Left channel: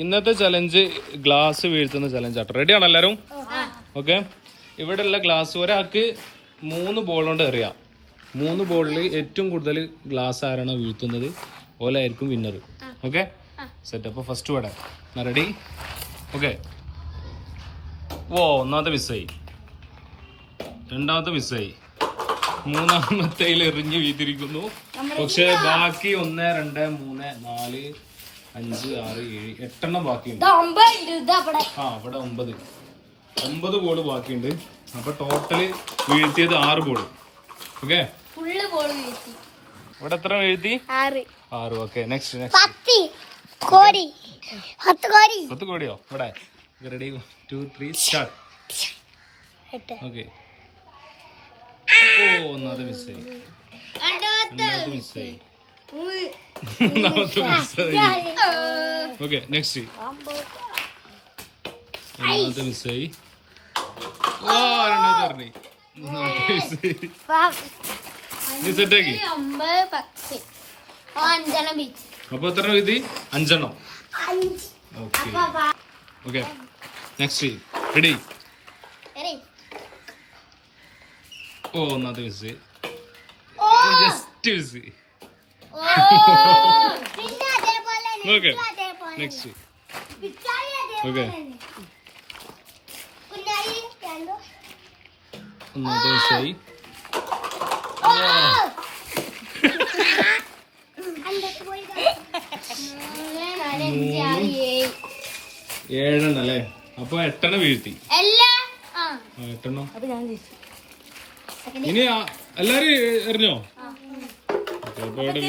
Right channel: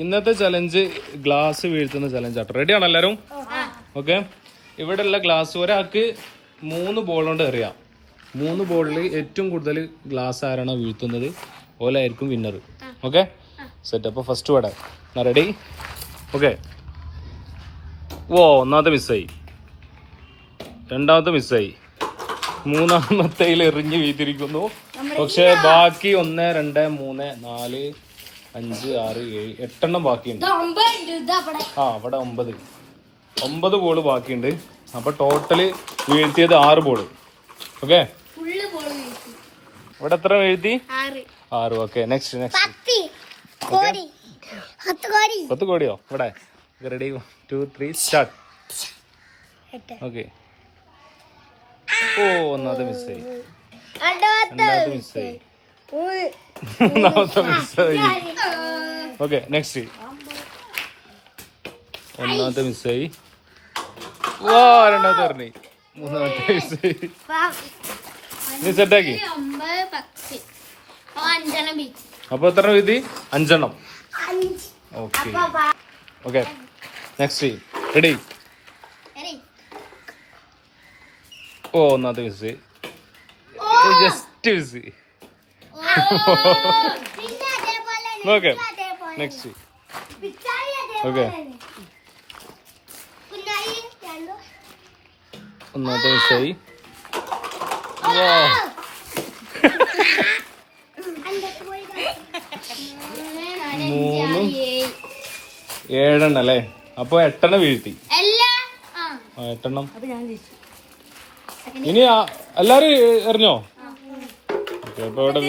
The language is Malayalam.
ഇന്നത്തെ ചലഞ്ച് ഗ്ലാസ് വീഴ്ത്തുന്ന ചലഞ്ച് ആട്ടോ. റെഡി ആണോ എല്ലാരും? ഓക്കെ. ഇവിടെ ഉള്ള ഗ്ലാസ് ഒരാൾക്ക് 3 ബോൾ കൊണ്ട് എറിയാം. 3 ബോളിൽ ഏറ്റവും കൂടുതൽ ഗ്ലാസ് ആരാണോ വീഴ്ത്തുന്നത് ഓലായിരിക്കും വിന്നർ. Okay set. അപ്പൊ ഫസ്റ്റ് വേട റെഡി? ഓക്കെ. ഓ, ഒന്നാമത്തെ മിസ്സായി, രണ്ടാമത്തെ മിസ്സായി, മൂന്നാമത്തേൽ എറിഞ്ഞ് വീതിരിക്കുന്നു. പക്ഷെ ബാക്കി 1 2 3 4 5 6 7 8 ബാക്കിയുണ്ട്. അവിടെ 9 ബോള് ബാക്കിയുണ്ട്. അപ്പൊ ടോട്ടല് വീഴ്ത്തിയത് 6 ബോള്. ഓക്കെ. ഇവിടെ എത്ര വീഴ്ത്തി? 6. ഓക്കെ. നെക്സ്റ്റ് 10 കോടിയോ? ഇവിടെ റെഡി? 2 3 സ്റ്റാർട്ട്. ഓക്കെ. ഓ, ഒന്നാമത്തെ മിസ്സായി, രണ്ടാമത്തെ മിസ്സായി, മൂന്നാമത്തെ മിസ്സായി. ഓക്കെ. നെക്സ്റ്റ് ഒന്നാമത്തെ മിസ്സായി. ഓ, രണ്ടാമത്തെ പറഞ്ഞു. മൂന്നാമത്തെ മിസ്സായി. നീ സെറ്റാക്കി. അപ്പൊ എത്ര വീതി? 5. ഓക്കെ. ഓക്കെ. Next ready? ഓ, ഒന്നാമത്തെ miss, just miss. Okay. Next. Okay. ഒന്നാമത്തെ മിസ്സായി. 7 അല്ലേ? അപ്പൊ 8 വീഴ്ത്തി. 8. ഇനി എല്ലാരും എറിഞ്ഞോ? അപ്പൊ ഇവിടെ